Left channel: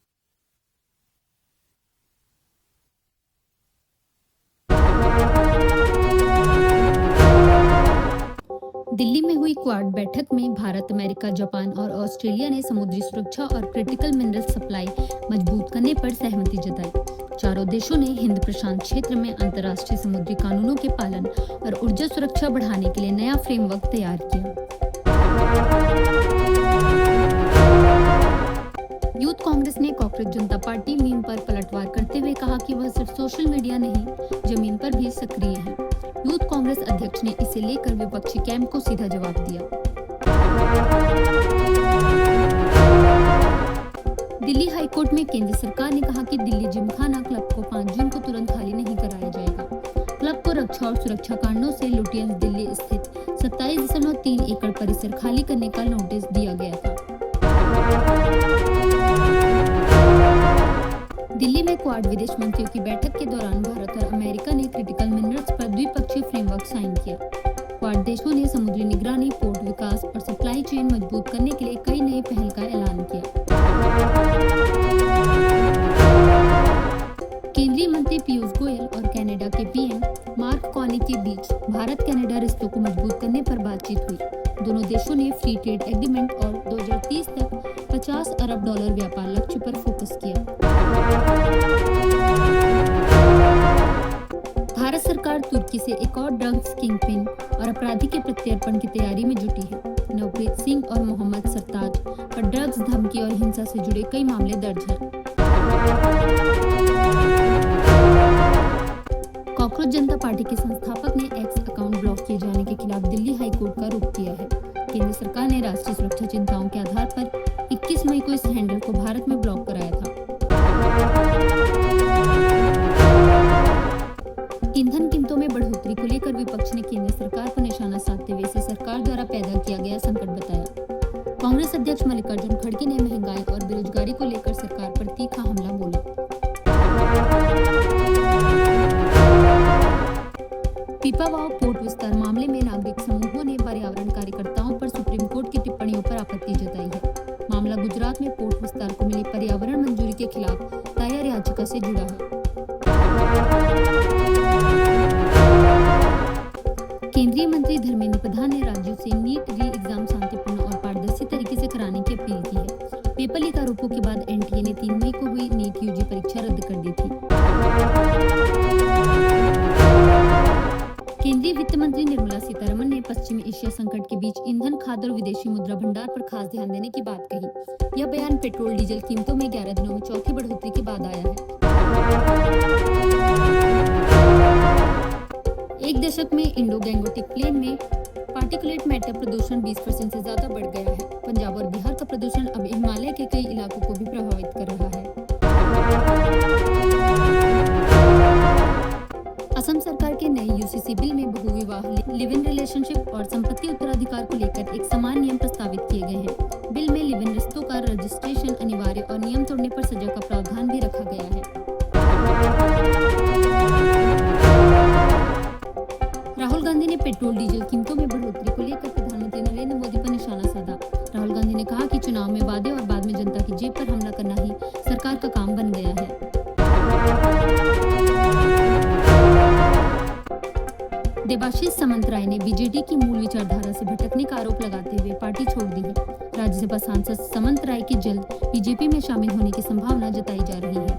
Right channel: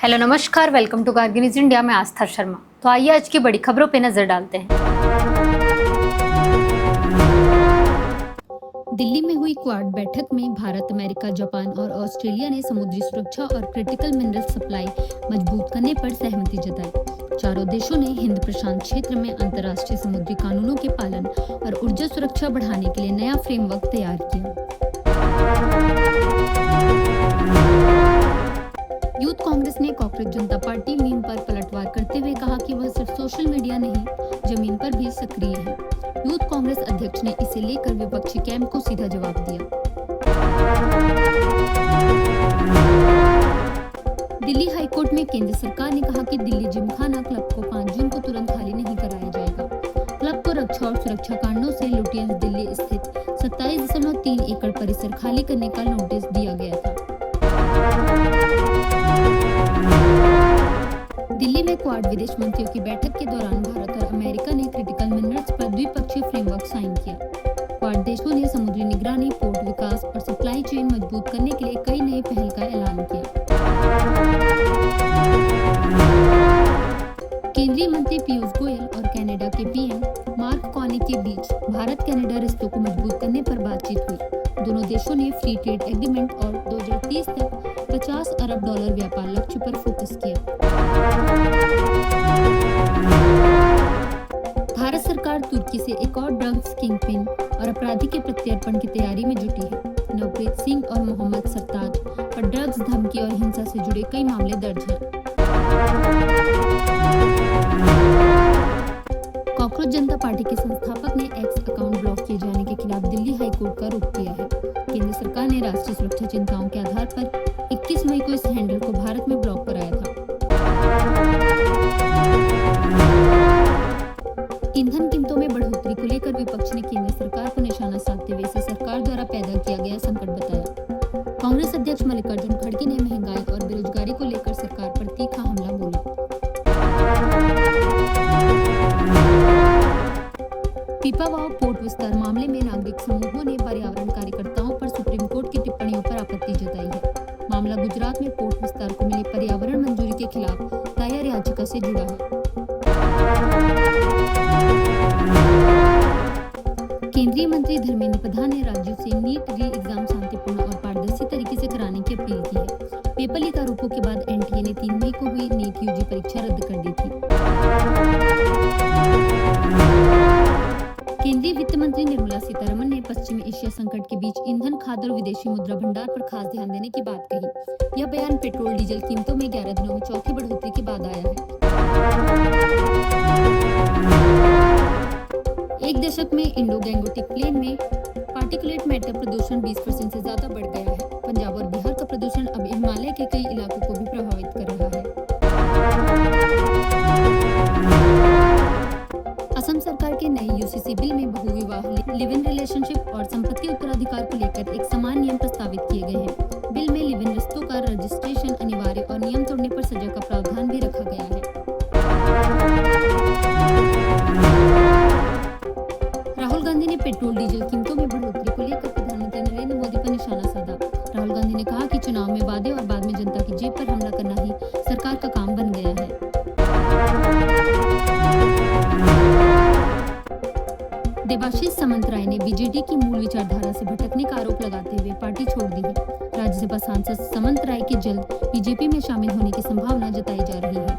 Hello नमस्कार, welcome to Kargil news India में आस्था शर्मा। तो आइए आज की बड़ी खबरों पे नजर डालते हैं। दिल्ली में हुई क्वाड बैठक में भारत, अमेरिका, जापान और ऑस्ट्रेलिया ने समुद्री सुरक्षा और क्रिटिकल मिनरल सप्लाई मजबूत करने पर सहमति जताई। चारों देशों ने हिंद प्रशांत क्षेत्र में अंतर्राष्ट्रीय समुद्री कानूनों के पालन और ऊर्जा सुरक्षा बढ़ाने के लिए नया फ्रेमवर्क तैयार किया। यूथ कांग्रेस ने कॉकरोच जनता पार्टी मीम पर पलटवार करते हुए कहा कि वह सिर्फ सोशल मीडिया नहीं, जमीन पर भी सक्रिय है। यूथ कांग्रेस अध्यक्ष ने इसे लेकर विपक्षी कैंप को सीधा जवाब दिया। दिल्ली हाईकोर्ट में केंद्र सरकार ने कहा कि दिल्ली जिमखाना क्लब को 5 जून को तुरंत खाली नहीं कराया जाएगा। क्लब को रक्षा और सुरक्षा कारणों से लुटियंस दिल्ली स्थित 27.3 एकड़ परिसर खाली करने का नोटिस दिया गया था। दिल्ली में क्वाड विदेश मंत्रियों की बैठक के दौरान भारत और अमेरिका ने क्रिटिकल मिनरल्स पर द्विपक्षीय फ्रेमवर्क साइन किया। क्वाड देशों ने समुद्री निगरानी, पोर्ट विकास और सप्लाई चेन मजबूत करने के लिए कई नई पहल का ऐलान किया। केंद्रीय मंत्री पीयूष गोयल और कनाडा के पीएम मार्क कार्नी के बीच भारत कनाडा रिश्तों को मजबूत करने पर बातचीत हुई। दोनों देशों ने फ्री ट्रेड एग्रीमेंट और 2030 तक $50 अरब व्यापार लक्ष्य पर फोकस किया। भारत सरकार तुर्की से एक और ड्रग्स किंगपिन और अपराधी के प्रत्यर्पण की तैयारी में जुटी है। नवप्रीत सिंह और मोहम्मद सरताज पर ड्रग्स, धमकी और हिंसा से जुड़े कई मामले दर्ज हैं। कॉकरोच जनता पार्टी के संस्थापक ने एक्स अकाउंट ब्लॉक किए जाने के खिलाफ दिल्ली हाईकोर्ट का रुख किया है। केंद्र सरकार ने राष्ट्रीय सुरक्षा चिंताओं के आधार पर 21 मई को इस हैंडल को भारत में ब्लॉक कराया था। ईंधन कीमतों में बढ़ोतरी को लेकर विपक्ष ने केंद्र सरकार को निशाना साधते हुए इसे सरकार द्वारा पैदा किया गया संकट बताया। कांग्रेस अध्यक्ष मल्लिकार्जुन खड़गे ने महंगाई और बेरोजगारी को लेकर सरकार पर तीखा हमला बोला। पीपावाव पोर्ट विस्तार मामले में नागरिक समूहों ने पर्यावरण कार्यकर्ताओं पर सुप्रीम कोर्ट की टिप्पणियों पर आपत्ति जताई है। मामला गुजरात में पोर्ट विस्तार को मिली पर्यावरण मंजूरी के खिलाफ दायर याचिका से जुड़ा है। केंद्रीय मंत्री धर्मेंद्र प्रधान ने राज्यों से नीट री एग्जाम शांतिपूर्ण और पारदर्शी तरीके से कराने की अपील की है। पेपर लीक आरोपों के बाद एनटीए ने 3 मई को हुई नीट यूजी परीक्षा रद्द कर दी थी। केंद्रीय वित्त मंत्री निर्मला सीतारमण ने पश्चिमी एशिया संकट के बीच ईंधन, खाद्य और विदेशी मुद्रा भंडार पर खास ध्यान देने की बात कही। यह बयान पेट्रोल डीजल कीमतों में 11 दिनों में चौथी बढ़ोतरी के बाद आया है। एक दशक में इंडो गैंगोटिक प्लेन में पार्टिकुलेट मैटर प्रदूषण 20% से ज्यादा बढ़ गया है। पंजाब और बिहार का प्रदूषण अब हिमालय के कई इलाकों को भी प्रभावित कर रहा है। असम सरकार के नए यूसीसी बिल में बहुविवाह, लिव इन रिलेशनशिप और संपत्ति उत्तराधिकार को लेकर एक समान नियम प्रस्तावित किए गए हैं। बिल में लिव इन रिश्तों का रजिस्ट्रेशन अनिवार्य और नियम तोड़ने पर सजा का प्रावधान भी रखा गया है। राहुल गांधी ने पेट्रोल डीजल कीमतों में बढ़ोतरी को लेकर प्रधानमंत्री नरेंद्र मोदी पर निशाना साधा। राहुल गांधी ने कहा कि चुनाव में वादे और बाद में जनता की जेब पर हमला करना ही सरकार का काम बन गया है। देबाशीष सामंतराय ने बीजेडी की मूल विचारधारा से भटकने का आरोप लगाते हुए पार्टी छोड़ दी है। राज्यसभा सांसद सामंतराय के जल्द बीजेपी में शामिल होने की संभावना जताई जा रही है।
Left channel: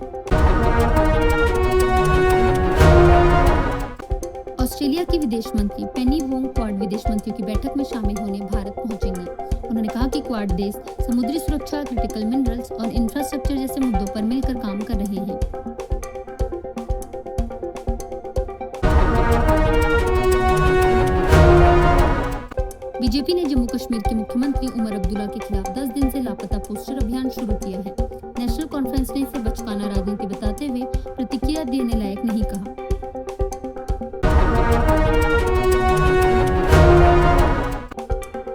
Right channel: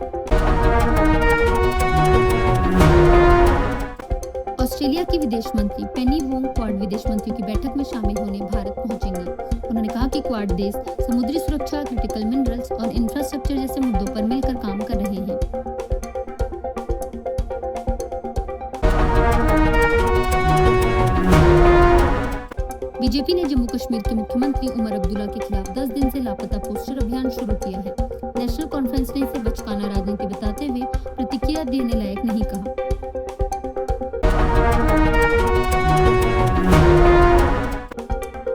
ऑस्ट्रेलिया की विदेश मंत्री पेनी वोंग क्वाड विदेश मंत्रियों की बैठक में शामिल होने भारत पहुंचेंगी। उन्होंने कहा कि क्वाड देश समुद्री सुरक्षा, क्रिटिकल मिनरल्स और इंफ्रास्ट्रक्चर जैसे मुद्दों पर मिलकर काम कर रहे हैं। बीजेपी ने जम्मू कश्मीर के मुख्यमंत्री उमर अब्दुल्ला के खिलाफ 10 दिन से लापता पोस्टर अभियान शुरू किया है। नेशनल कॉन्फ्रेंस ने इसे बचकाना राजनीति बताते हुए प्रतिक्रिया देने लायक नहीं कहा।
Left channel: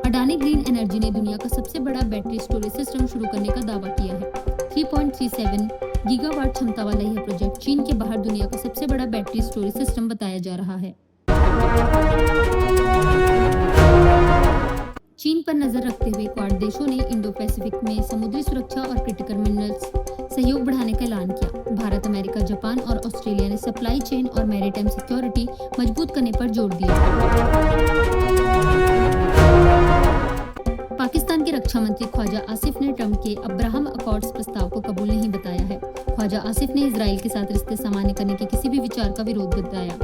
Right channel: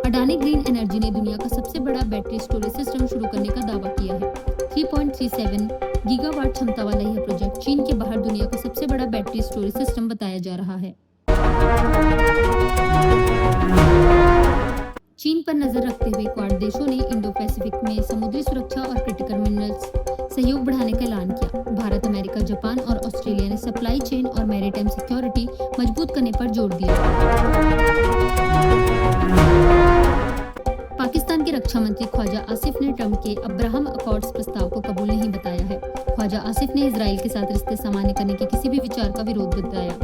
अडानी ग्रीन एनर्जी ने दुनिया का सबसे बड़ा बैटरी स्टोरेज सिस्टम शुरू करने का दावा किया है। 3.37 गीगावाट क्षमता वाला यह प्रोजेक्ट चीन के बाहर दुनिया का सबसे बड़ा बैटरी स्टोरेज सिस्टम बताया जा रहा है। चीन पर नजर रखते हुए क्वाड देशों ने इंडो पैसिफिक में समुद्री सुरक्षा और क्रिटिकल मिनरल्स सहयोग बढ़ाने का ऐलान किया। भारत, अमेरिका, जापान और ऑस्ट्रेलिया ने सप्लाई चेन और मैरीटाइम सिक्योरिटी मजबूत करने पर जोर दिया। पाकिस्तान के रक्षा मंत्री ख्वाजा आसिफ ने ट्रंप के अब्राहम अकॉर्ड्स प्रस्ताव को कबूल नहीं बताया है। ख्वाजा आसिफ ने इजराइल के साथ रिश्ते सामान्य करने के किसी भी विचार का विरोध बताया।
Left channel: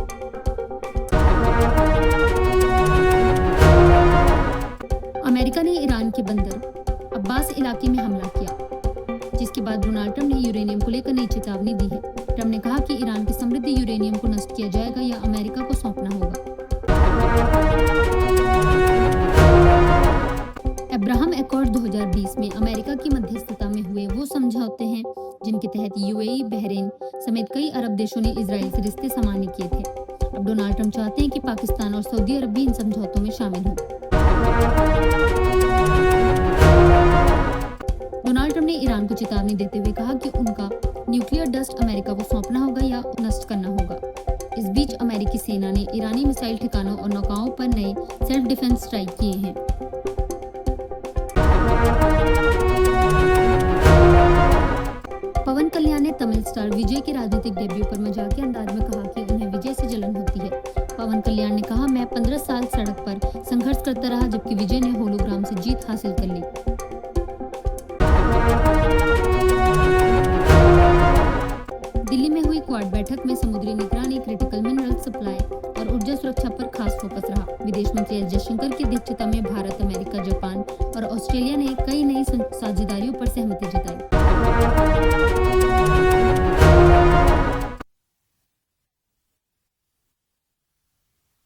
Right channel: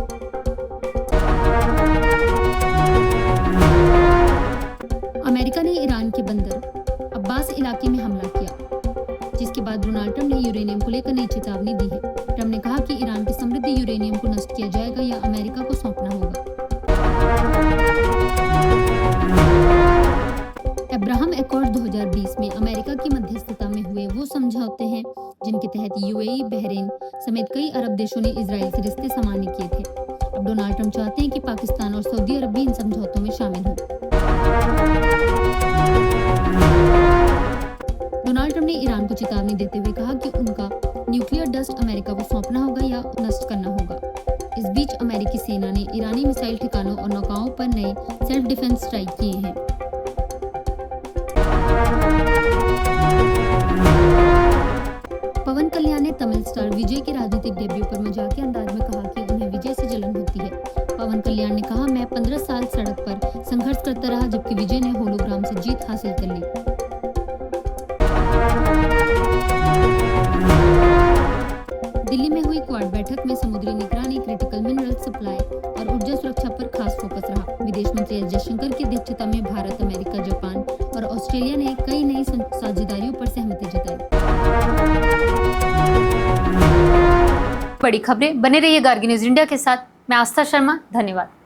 अमेरिका ने ईरान के बंदर अब्बास इलाके में हमला किया, जिसके बाद डोनाल्ड ट्रंप ने यूरेनियम को लेकर नई चेतावनी दी है। ट्रंप ने कहा कि ईरान के समृद्ध यूरेनियम को नष्ट किया जाएगा या अमेरिका को सौंपना होगा। अब्राहम अकॉर्ड 2020 में अमेरिका की मध्यस्थता में हुए वो समझौते हैं जिनके तहत यूएई, बहरीन समेत कई अरब देशों ने इजराइल से रिश्ते सामान्य किए थे। अब डोनाल्ड ट्रंप चाहते हैं कि पाकिस्तान और सऊदी अरब भी इन समझौतों में शामिल हों। डोनाल्ड ट्रंप ने ईरान को चेतावनी देते हुए कहा कि उनका न्यूक्लियर डस्ट अमेरिका को सौंपना होगा या नष्ट करना होगा। इस बीच अमेरिकी सेना ने ईरानी मिसाइल ठिकानों और नौकाओं पर नए सेल्फ डिफेंस स्ट्राइक किए हैं। पवन कल्याण ने तमिल स्टार विजय के राजनीतिक डेब्यू पर मजाकिया अंदाज में कहा कि उन्हें विजय से जलन होती है। पवन कल्याण ने कहा, मैं 15 साल सड़क पर संघर्ष करता रहा, जबकि विजय ने होलोग्राम से जीत हासिल कर ली। दिल्ली में हुई क्वाड बैठक में समुद्री निगरानी, क्रिटिकल मिनरल सप्लाई और ऊर्जा सुरक्षा पर खास फोकस रहा। विदेश मंत्री एस जयशंकर की अध्यक्षता में भारत, अमेरिका, जापान और ऑस्ट्रेलिया ने कई नई साझेदारियों पर सहमति जताई। बड़ी खबरें बने रहिए गार्गी न्यूज इंडिया के साथ। मैं आस्था शर्मा, धन्यवाद।